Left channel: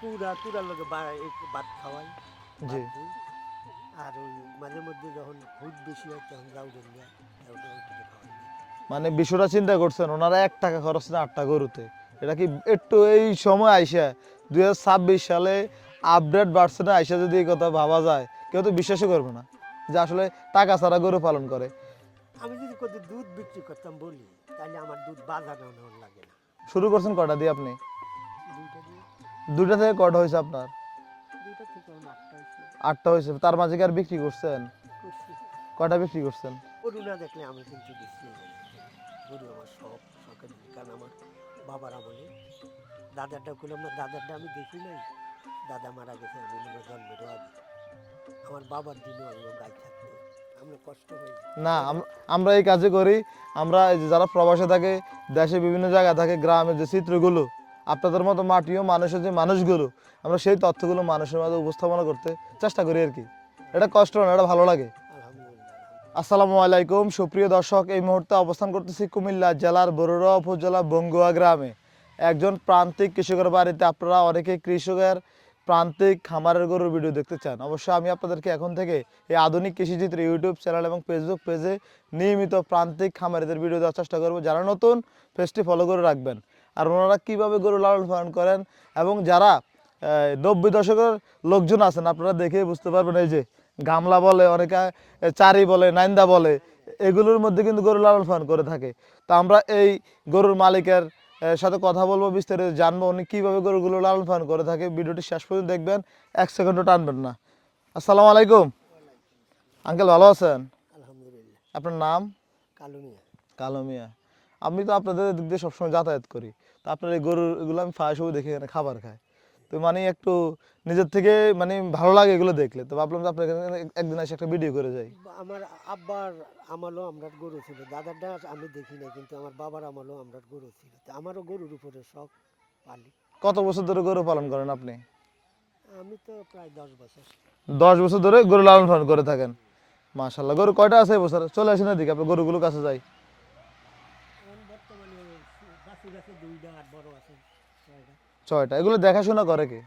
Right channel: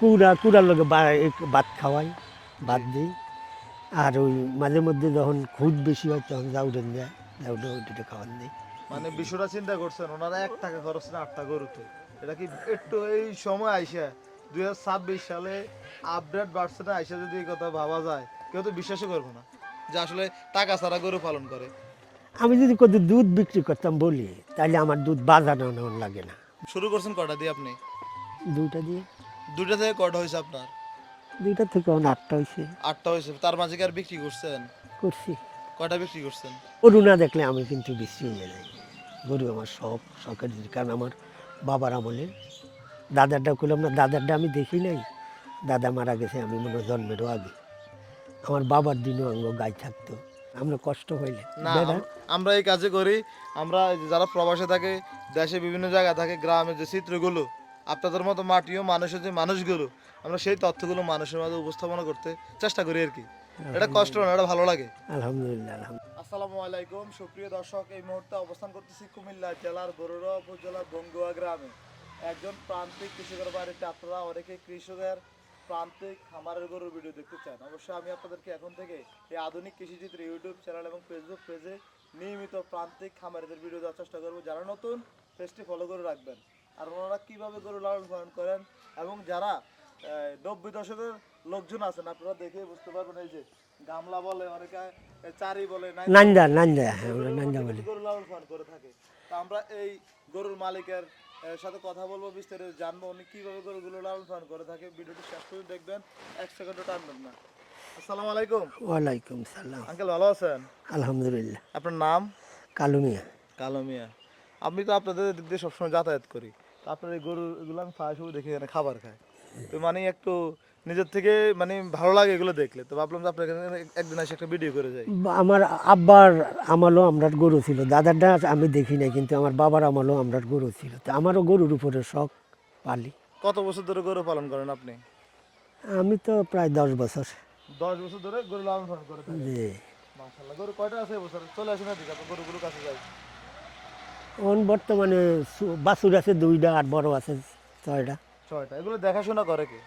কুড়ার লগে ভাত খাওয়াই, ভাত জি। দিই। আর ওই মাঝে মধ্যে যখন খুদ বেশি হয় তখন জাউডেন যায়, জাউডে ওইটা খাওয়ান দিই। মানে বিষয়টা চিন্তা করছেন, ওনারা 1 টাকা খরচ না 8টা গরুতে। এটা কি একটু এই সময় আইসা 2026 সালে আপডেট বাড়ছে না, আইসা যদি এই কথা ভাবা যায়, কেউ তো বিশ্বাসই করবে না যে আসলে টাকা ছাড়া গরু পালন করে। আমি যদি কোথাও দুধ বিক্রি করতাম বলি, তাহলে আমার দুধ বাজানো নেওয়ার লাগে না। শুরু করছেন কটা দিয়ে আপনি? 2টা দিয়ে, 2টা থেকে কটা হয়েছে আপনার? 2টা থেকে এখন 8টা হয়েছে। 8টা হয়েছে, তার মাঝে কি আর বিক্রি করছেন? করছি। কটা বিক্রি করছেন? গরু না দেখলে আমি কিন্তু বেশি নিয়ে যাই। গরু আমার শখের জিনিস। কারণ আমার বাবার আমলে দাদারটা করলাম না, দাদারটা আমি দেখি নাই। দাদা মারা গেছে আমি মনে হয় জন্মেরও আগে। আমার বাবার দিনও আমার গাই থাকতো। আমরা কষ্ট হইলে না, বেড়া আমরা এই কাজে করি। আমরা এই যে যারা প্রবাসে থাকে, দেশে বিভিন্ন জায়গায় থাকে, গ্রামের যে চিত্রগুলো, আপনাদের মতো মাটিও মানুষের যে মানুষগুলো, আমরা সেই তথ্যগুলো মানুষের মাঝে উপস্থাপনা করতে চেষ্টা করি আর কি। এটা কষ্ট না, এটা ভালো লাগে। আলহামদুলিল্লাহ, আলহামদুলিল্লাহ। আসসালামু আলাইকুম সুপ্রিয় দর্শক, এই মুহূর্তে অবস্থান করতেছি কুমিল্লা জেলার বরুড়া উপজেলা বঙ্গুয়া গ্রামে। একজন প্রান্তিক কৃষকের বাড়িতে। আপনারা অনেকে কৃষকের প্রান্তিক খামারের গরুর ভিডিও দেখতে চান, অবশ্যই আমি আপনাদেরকে এখন থেকে এই আধুনিক কৃষিচিত্র ইউটিউব চ্যানেল এবং ফেসবুক পেজে নিয়মিত প্রান্তিক খামারিদের ভিডিও দেওয়ার চেষ্টা করবো। যারা নতুন, পেজটি ফলো করে রাখবেন। আর ওনারা কীভাবে গরু লালন পালন করেন এবং যারা 90 দশকের লোকজন আছেন, আপনারা দেখেই বুঝতে পারবেন। এই যে গামলা বলে অনেকে, চারি বলে, নাইন্দা নান্দা বলে, নান্দা এগুলোর মধ্যে কিন্তু গরু লালন পালন করে থাকে। তো আমরা এই গরুর মালিকের সাথে কথা বলবো, বিস্তারিত জানবো উনি কীভাবে গরুগুলো লালন পালন করে থাকে। ভিডিওটি শেষ পর্যন্ত দেখবেন, 1 সেকেন্ডও টানবেন না। আসসালামু আলাইকুম ওয়ালাইকুম সালাম। আঙ্কেল, ভালো আছেন? আলহামদুলিল্লাহ। আপনার নাম? কালু মিয়া। কালো মিয়া। আমি তো আপনাদের দিক দিয়ে সবসময় যাতায়াত করি, তো আপনার এই গরুর এগুলো আমি প্রায় সময় দেখি এখানে খাবার খায়। তো মানে একটু নিজের থেকে মানে ভালো লাগে এগুলো দেখলে, তো ভাবলাম যে আপনার এখানে একদিন এসে একটা ভিডিও করে যাই। আমার আব্বার আমলও আমরার গরু ছিল, দাদারটা আমি দেখি নাই, কিন্তু আমার বাবার আমলও আমরার গরু ছিল। তো আমারও গরুর উপরে শখ, পালি। কত বছর ধরে গরু পালন করেন আপনি? আমি তো প্রায় 10 বছর। 10 বছর ধরে গরু লালন পালন করে থাকেন। যে মাশাল্লাহ। গরু কয়টা আছে এবছর? চলে আসেন এদিকে, আপনার গরুগুলো কাছে যাই। বর্তমানে বাছুর আছে 2টা, আর বড় আছে 6টা। 6টা। এগুলো দেখাশোনা করে কে?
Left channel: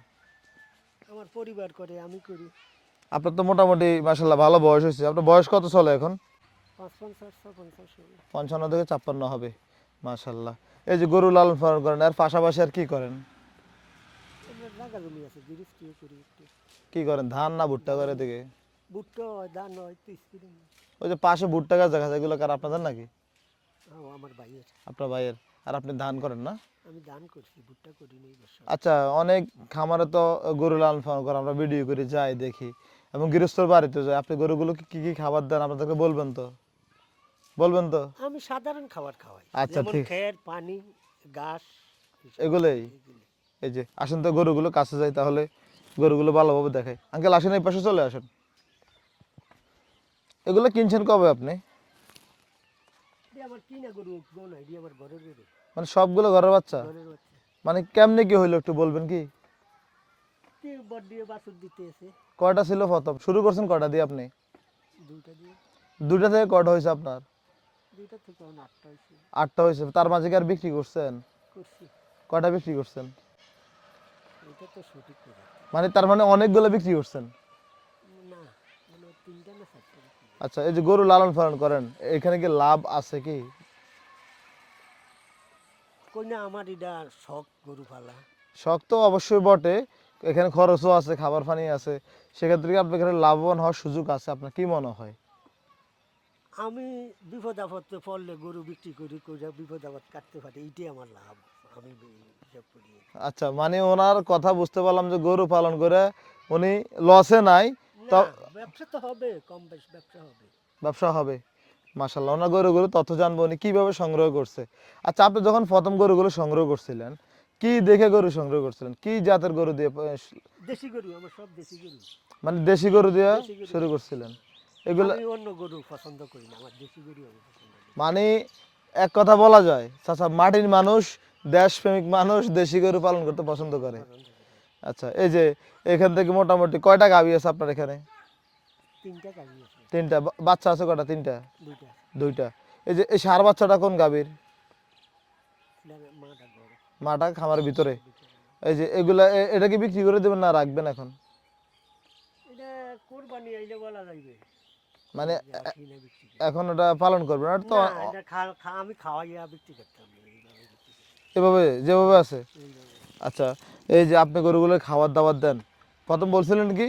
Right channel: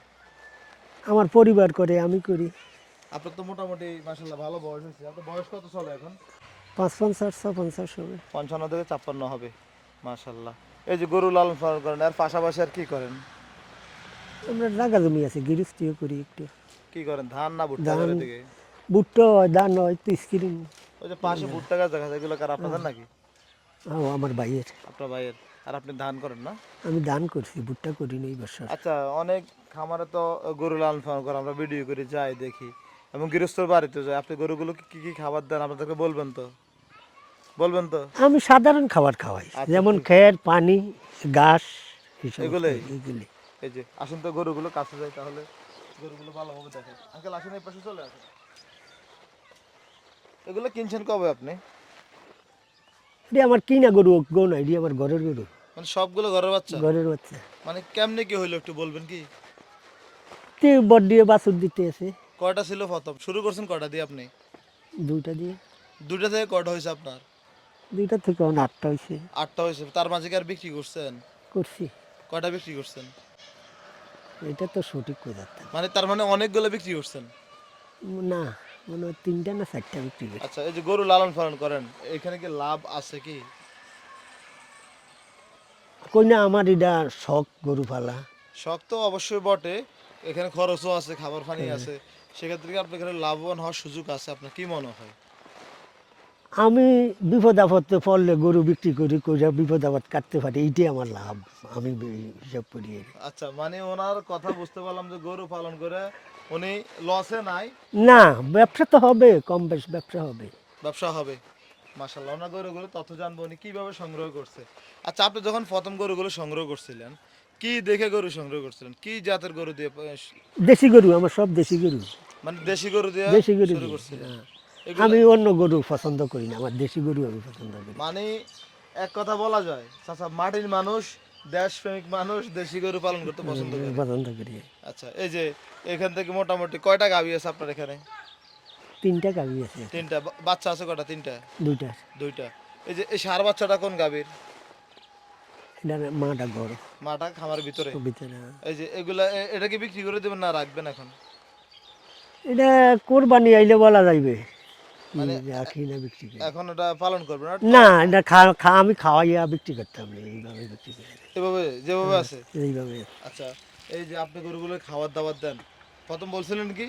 আমার পরিবার করে, আমি করি। আপনার তো মোটামুটি মাশাল্লাহ ভালো বয়স হয়েছে। আপনার বয়স কত চলে এখন? 55 56 হবে। 55 থেকে 56 হবে। মাশাল্লাহ। এই যে গরু লালন পালন করেন, এর পাশাপাশি আর কি করেন? আমরা জায়গা জমি আছে, গৃহস্থিও করি একটু। কি করেন, ধান না ভুট্টা ধান, করেন এদিকে? ভুট্টা হয়, ধান হয়, তো স্ক্রিন। ওই যে পাশে ভুট্টা গাছ দেখা যায়, এগুলো কার আপনাদের নাকি? আমার ভাইয়ের। আপনার ভাইয়ের। আর আপনি ধান করেন না? আমি ধান করছি, ভুট্টা করি না এই বছর। আচ্ছা, অনেক খামারে তো গরু লালন পালন করে, আমরা ভিডিও করে যাই দেখি, এবং গৃহস্থর বাড়িতে যাই। আপনি গরুগুলো কি কি খাবার দেন আপনাদেরকে বলবেন তো? বলবেন তো? আমি সাধারণ খাবার খাওয়াই, আচ্ছা, যেমন ঠিক। খের, পানি, ঘাস, এগুলোই? এগুলি। এই যে আসেন তো গরুগুলো কাছে যাই, তাহলে গরুগুলো ভালোভাবে দেখাই। আঙ্কেল আসেন, এই পাশে চলে আসেন। এগুলো কিনছেন কবে আপনি? এটি আমার কিনা গরু, গো না, এটি আমার ঘরের গরু, মানে সবগুলো ঘরের বাচ্চা? ঘরের বাচ্চা। মানে কেমনে কি হইলো একটু বলবেন কি? বট দিয়ে বাছুর দিতে আছে। কয়টা ছিল প্রথম? শুরু করছেন কয়টা দিয়ে আপনি? 2টা দিয়ে। 2টা থেকে কয়টা হয়েছে আপনার? 2টা থেকে এখন 8টা হয়েছে। 8টা হয়েছে। তার মাঝে কি আর বিক্রি করছেন? করছি। কয়টা বিক্রি করছেন? এটা তো সঠিক কথা না। মানে তার মানে অনেকগুলো বিক্রি করছেন। না, মনে হয় 3টা না 4টা বিক্রি করছি। আচ্ছা, এই যে গরু লালন পালন করেন, এখানে কি লাভ আছে কি? কই না, আমার এটা শখ গরু পালা। শখ তো অবশ্যই বটে, এখানে খরচও আছে, খাবার পানি আছে, সেক্ষেত্রে কি আপনার এখানে লাভবান হওয়ার সুযোগ আছে, আপনার কি মনে হয়? আমি বিপদ আপদে পড়লে গরু বিক্রি করি, করে বিপদ আপদ কাটতে পারি, এইটাই আমার লাভ। আমি হিসাব করি আর কি। আচ্ছা, মানে ওনার কথা বুঝতে পারলাম যে গরু পালন করে উনি লসে নাই। না, ব্যবসা তো হবে, কম বেশ ব্যবসা হবে। ব্যবসা হবে। মাশাল্লাহ, ওনার গরুগুলো তথ্য জানবো উনি কিভাবে সংগ্রহ করছে। আচ্ছা, আপনি যখন প্রথম গরুগুলো সংগ্রহ করছিলেন, কি দেখে গরু সংগ্রহ করছিলেন? কি জাতের গরু দিয়ে দেশি গরু, আমার সব দেশি গরু। মানে দেশি গরু দিয়ে দেশি গরু শুরু দিই, করছিলেন? হ্যাঁ। এগুলো আমি অন্য গরু পছন্দ করি না, আমার দেশি গরু আমি পছন্দ করি। মানে এক কথা বলা যায়, চাচা মাটির মানুষ, দেশপ্রেমিক মানুষ দেশি গরু পালন করতে পছন্দ করে। পছন্দ করি। আচ্ছা, এই যে এখান থেকে মোটামুটি কয়টা গাভী আছে আপনার এখানে? 3টা গাভী আছে। 3টা। বাচ্চা আছে কয়টা? 3টা? 2টা। 2টা। এই যে এই ষাঁড় বাচ্চাটা কোন গাভীর? এটা মাটা ঘর মাটা খামারের ভিতরে। ভিতরে। এই যে এগুলা এটা কি বিক্রি করে দেবেন না রাখবেন এখন? এটা কোরবানি আইলে বলা যাইবে মানে রাখি না বিক্রি করি। এখন এটা পালন করবেন না তো? না এটা আমি খাওয়াইয়া বিক্রি করতাম না, এইভাবে বিক্রি করি এভাবে যেভাবে আছে। এইভাবে। আচ্ছা, এই যে আপনি গরুগুলো খাবার দাবার দেন, প্রথম বলছিলেন কি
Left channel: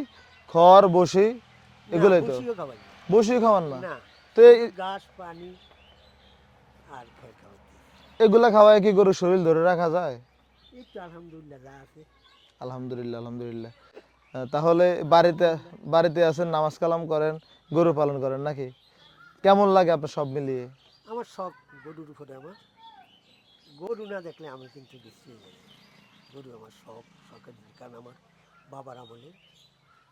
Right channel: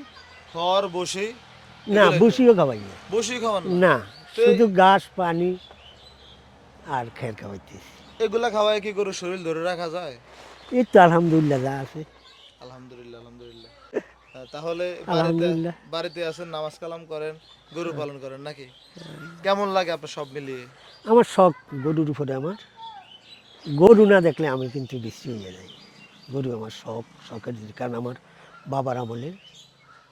খড় বসি? না বসিও খাওয়াই না। বসি খাওয়ান না? না তো শুধু ঘাস পানি আর খের খাওয়াইতেছি। এগুলা খাওয়ায় কি গরুর শরীর ধরে রাখা যায়? এই তো আলহামদুলিল্লাহ যা আছে। আলহামদুলিল্লাহ, আলহামদুলিল্লাহ। তাহলে বাড়িতে আলহামদুলিল্লাহ। বাড়িতে আছেন, নামাজ কালাম করেন, গরু পালন করেন নাকি? কেমন লাগে আপনার সব মিলিয়ে? আমার শখ গরুর উপরে। আমার গরু না দেখলে আমি কিন্তু বিশ্রী হয়ে যাই। গরু আমার শখের জিনিস। কারণ আমার বাবার আমলে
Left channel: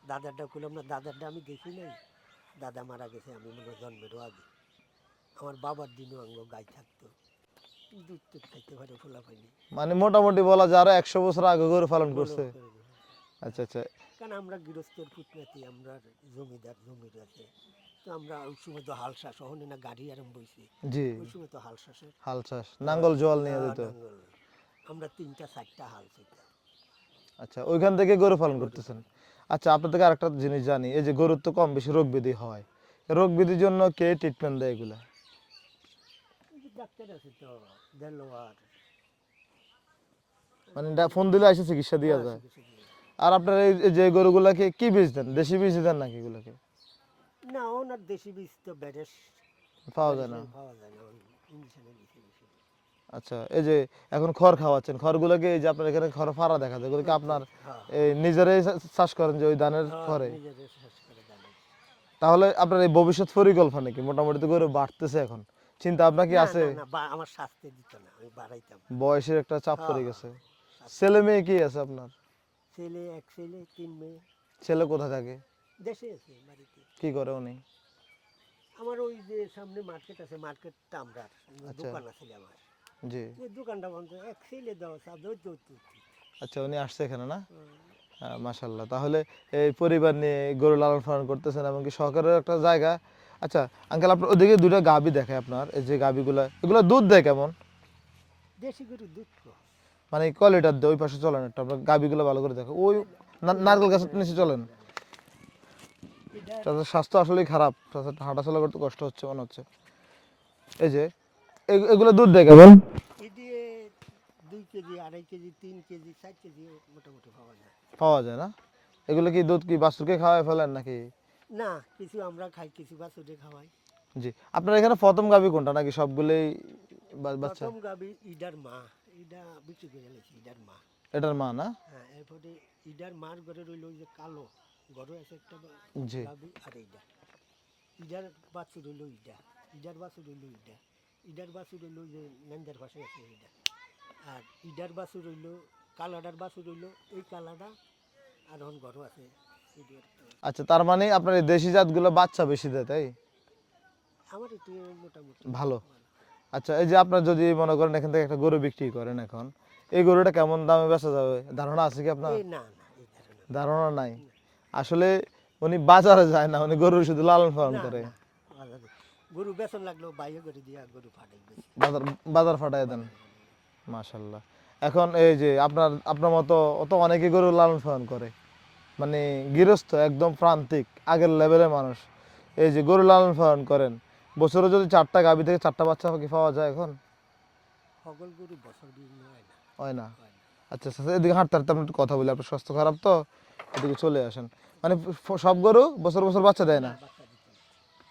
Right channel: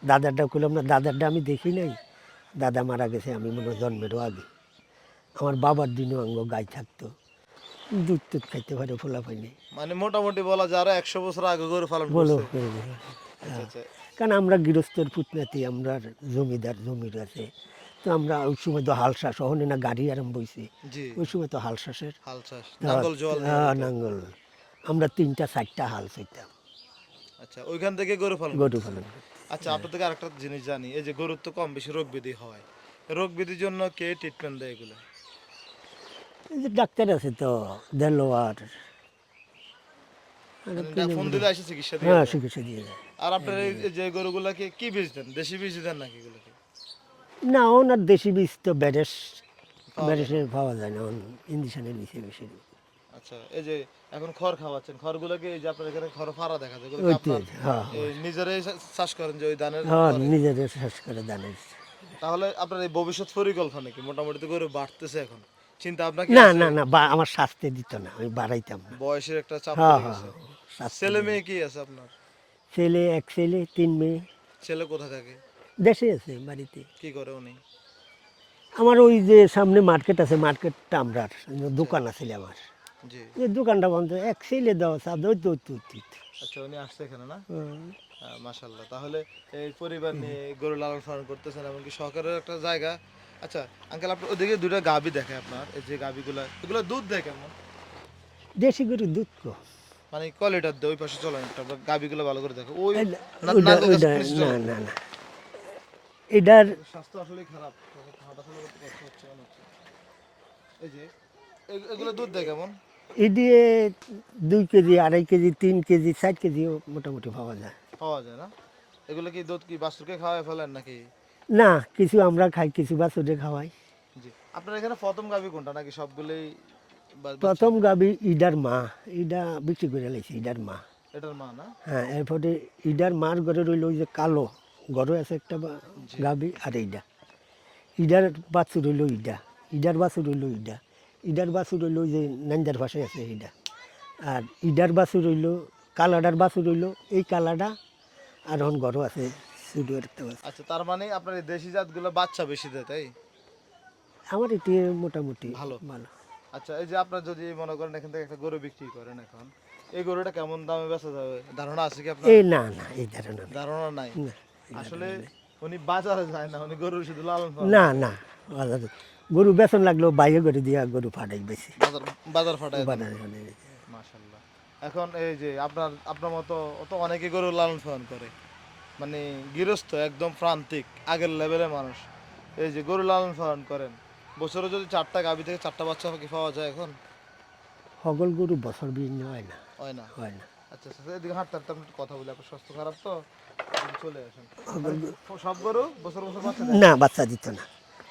দাদারটা করলাম না, দাদারটা আমি দেখি নাই। দাদা মারা গেছে আমি মনে হয় জন্মেরও আগে। আমার বাবার দিনও আঙ্গ গাই থাকতো, দুধ টুধ খাইতে পারে, ফোলা পাইনি মানে মোটামুটি বলা যায় আরো 100 বছর আগে গরু পালন বলো। করছে। আচ্ছা আচ্ছা। কারণ আমরা গৃহস্থের পুতনাতি, আমরা জমিদার, জমির আছে। তো আমরা ওই সময় তো হাল চাষ, ওখানে না গাড়ি আরম্ভ হয়েছে, জি, ওই সময় তো হাল চাষের হাল চাষ, নাঙ্গল জল। নাঙ্গল। আমরা 3টা 4টা হাল চাইতাম আচ্ছা, ওইখান থেকে গরু পালন গরু করতেছেন। পালন। আচ্ছা, আপনার থেকে আরেকটা জিনিস জানি, এই যে গরুর তো কম বেশি রোগ ব্যাধি হয়, রোগ ব্যাধির জন্য কে ট্রিটমেন্ট দেয় এগুলা? এই যে ডাক্তার আছে তো দেলোয়ার, মানে ফোন দিলে এসে চিকিৎসা দিয়ে হ্যাঁ যায়। চিকিৎসা দিয়ে যায়। আর আপনার এই যে গরুগুলাকে কি বীজ দেন? দেশি বীজ দেন নাকি এগুলাকে? না ওনার দেশি বীজ তো ব্যারেস, পাওয়া যায় না। ব্যারেসের পাওয়া যায় না, ইঞ্জেকশনের বেশি বেশি। আচ্ছা, এই যে এখন খড় খাওয়াচ্ছেন, খড়গুলোকে এই যে আপনার এখানে খড় ফাড়া দেখা যায়, এগুলো কি আপনার হ্যাঁ এই নিজেরাই চাষ করেন যে ওই ধানের হ্যাঁ খড়ে? নিজেদের চাষ করে দানের। তাহলে আপনার এই ভবিষ্যৎ পরিকল্পনা কি? মোটামুটি তো গরু বাড়তেছে এখন, চিন্তা আপনার কি না আছে? না না আমার শাস্তি দিত না, আমি বাড়াইতাম না। বয়সের একটা চাপ হ্যাঁ পড়ে গেছে। শাস্তি। ছেলে মেয়ে কি আছে আপনার? ছেলে, এক ছেলে 3 মেয়ে। ছেলে কোথায় থাকে? দেশে আছে বাড়িতে। কি করে উনি? আমার ওই যে সামনে মার্কেট আছে, মার্কেটটা আমরা দোকান আছে আমার, জি। যে দোকানটা বন্ধ। এক ছেলে দেওয়া চাঁদ ওই তো আচ্ছা, উনি আসছে এখানে না? মাশাল্লাহ। তাহলে এই পরিবার নিয়ে গরু লালন পালন করতেছেন, এমনকি সরকারের একটা জায়গা। আচ্ছা আঙ্কেল, আপনার ওদিকে দুইটা গাভী দেখে আপনার, এই যে গাভীগুলা, এগুলো দুধ দেয় কেমন? দেশি গরুর দুধ কো। মানে কয় লিটার দেয়? ওই পাশে চলেন একটা, আপনার গাভীগুলো ভালো করে দেখো। ওই ওইটা- নারকেল গাছের ওইটা- নিচে না চলেন। না না এটার তাদের স্বাস্থ্য আসলেই খারাপ, তাদের হাঁটাচলা করতে কষ্ট হচ্ছে মনে হচ্ছে। এই যে এগুলো দুধ দেয় কেমন? এই দিয়ে 2 কেজি, 2.5 কেজি, 3 কেজি, 4 কেজিও মোটামুটি পাওয়া যায়। পাওয়া যায় না? এগুলো কি দুধ কি বাছুরকে খাওয়ায় ফেলেন নাকি? না কিছু আমরা খাই, কিছু বাছুরে খাওয়াই। জি। আপনার এখানে প্রথম গাভী কোনটা, নাকি সবগুলোই বাচ্চা? প্রথম গাবি ইডার মা, ইডা বিক্রি করে লাইছি, ইডার মা। এটার মা না? হ্যাঁ এরপরে ইডার মার ঘরে রইল ওই যে কালো ঘরে আছে একটা জি। গাবি, আর এইটা ইডার বাছুর রইল, ইডার বাছুর রইল, ইডার বাছুর রইল ওই যে নাঞ্জার ভাষায় আছে এইটা। আর ইডার বাছুর রইল, কালাডার বাছুর রইল এই কালাডা। আর এখন ঘরও আছে শুধু একটা বাছুর। আচ্ছা, তার মানে আপনার এই দেশি জাতগুলো বাচ্চা বেশি দেয়, তাই? আমার এটি মোটামুটি ভালো। ভালো। আচ্ছা, এই যে আপনার যদি মনে করেন এখান থেকে একটা গরু বিক্রি করেন এখন, এই গরুটা কেমন দামে বেচা যাবে ধারণা আছে কি আপনার? এই না না এই ধারণা না। ধারণা নাই। না, আসলে উনি বাজারে যায় না, উনি গরু শুধু লালন পালন না করে। না বাজারে গরু বেতন লাগলেও বাইরে করে দিয়া গরু ফাটাই বেশি বাজার বাজার ফাটায় দেন। বাজারে করে। মাশাল্লাহ। এখন এই যে আপনার মতো অত অনেকে গরু লালন পালন করে, মানে গৃহস্থ একদম প্রান্তিক আগের লেভেলের মানুষ, এই যে গরু লালন পালন করেন, বছরে যদি 4টা গাভী থেকে 4টা বাচ্চা কি পাওয়া যায় এখন? সকল গরু বছর বিভিন্ন হয় না, হয় না। হয় না। আচ্ছা আচ্ছা, এদিকে হাঁটতে হাঁটতে আমরা একটু কথা বলি, আপনার স্বাস্থ্য খারাপ তো, এদিকে চলে আসেন। মানে সব গরু বছর বছর বাচ্চা দেয় না? না বাচ্চা দিত না।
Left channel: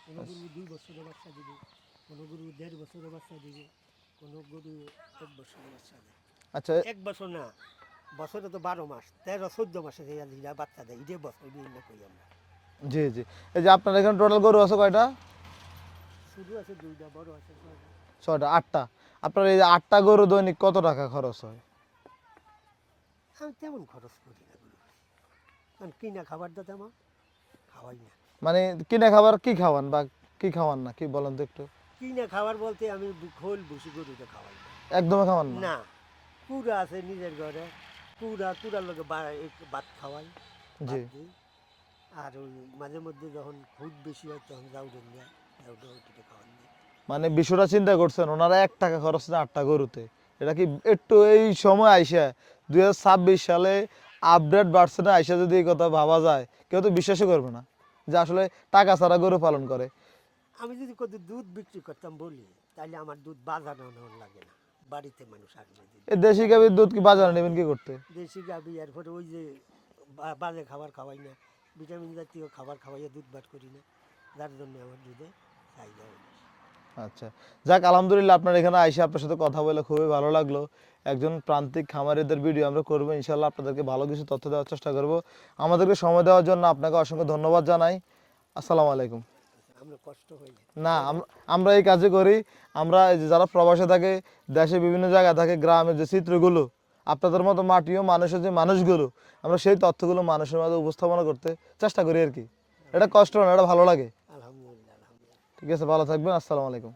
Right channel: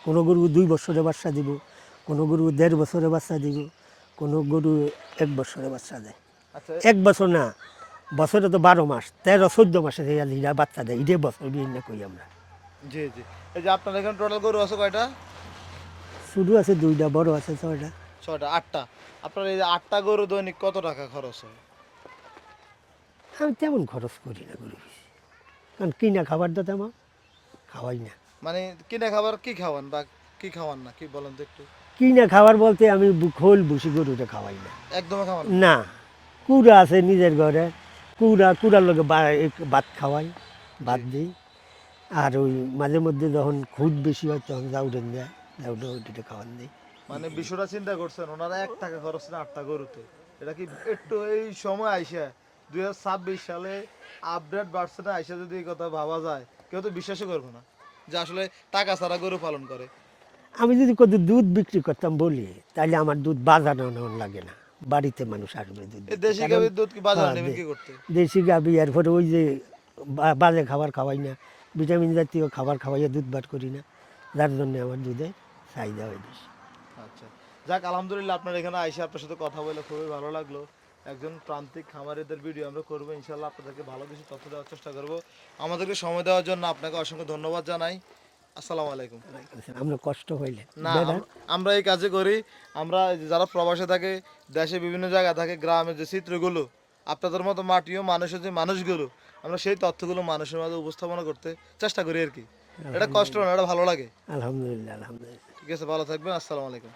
কোনো গরু 2 বছরে বাচ্চা দিব, কোনো গরু 1.5 বছরে বাচ্চা দিব, কোনো গরু 1 বছরে বাচ্চা দেয়। আচ্ছা 1 বছর না, বছরে তো 12 মাস, 13-14 মাসে এরা বাচ্চা দেয়, এটাই বছর বিভিন্ন কই আমরা। জি জি। এই যে আপনার এখানে টোটাল গরু আছে কয়টা? শুধু আছে 2টা, বড় আছে 6টা। 6টা, 8টা। আপনার এই যে 8টা গরু দৈনিক কত টাকা খরচ হয়? আমি তেমন খরচ করি না গরু বেশি, কারণ কিনা খাবার তো তেমন খাওয়াই না। মানে কিনে খাবার কি খাওয়ান বা কি খাওয়ান না, কি বলেন তো একটু? কিনা খাবার বলতে আমি খোল ভুসি গরুটা খাওয়াই না। একদমই খাওয়ান না? না কুড়া আছে নিজের ঘরে, কুড়ার লগে ভাত খাওয়াই, ভাত দিই। আর ওই মাঝে মধ্যে যখন খুদ বেশি হয় তখন জাউডেন যায়, জাউডে ওইটা খাওয়ান দিই। মানে বিষয়টা চিন্তা করছেন, ওনারা 1 টাকা খরচ না 8টা গরুতে, এটা কি একটু এই সময় আইসা 2026 সালে আপডেট বাড়ছে না, আইসা যদি এই কথা ভাবা যায় কেউ তো বিশ্বাসই করবে না যে আসলে টাকা ছাড়া গরু পালন করে। আমি যদি কত দুধ বিক্রি করতাম বলি, তাহলে আমার দুধ বাজানো নেওয়ার লাগে না, বাড়িতে মানুষ আসবে দুধ এই নিতে। দেশি কারণ গাভীর দুধ কি বাজারে হ্যাঁ, নেবেন কি করতে? দেশি গাভি, এরপরে ওই যে বাজে খাবার খাওয়াই না, ভিটামিন জাতীয় খাবার খাওয়াইয়া দুধ বার করি না, যার জন্য আমার দুধের চাহিদা হয় বেশি। আচ্ছা, যাক আলহামদুলিল্লাহ, আপনার এখানে আইসা আপনার সাথে কথা বলে খুবই ভালো লাগলো। একজন প্রান্তিক খামারিদের ভিডিও আমরা করবো ইনশাল্লাহ, আপনাদেরকে ভালো কিছু তথ্য দেওয়ার চেষ্টা করব। আমাদেরকে সময় দেওয়ার জন্য আপনাকে অসংখ্য ধন্যবাদ জানাই। আসসালামু আলাইকুম। আমরা কষ্ট হইলে না, আমরা এই কাজে করি। আমরা এই যে যারা প্রবাসে থাকে, দেশে বিভিন্ন জায়গায় থাকে, গ্রামের যে চিত্রগুলো, আপনাদের মতো মাটিও মানুষের যে মানুষগুলো, আমরা সেই তথ্যগুলো মানুষের মাঝে উপস্থাপনা করতে চেষ্টা করি আর কি। এটা কষ্ট না, এটা ভালো লাগে। আলহামদুলিল্লাহ, আলহামদুলিল্লাহ। ঠিক আছে, ভালো থাকবেন। আসসালামু আলাইকুম।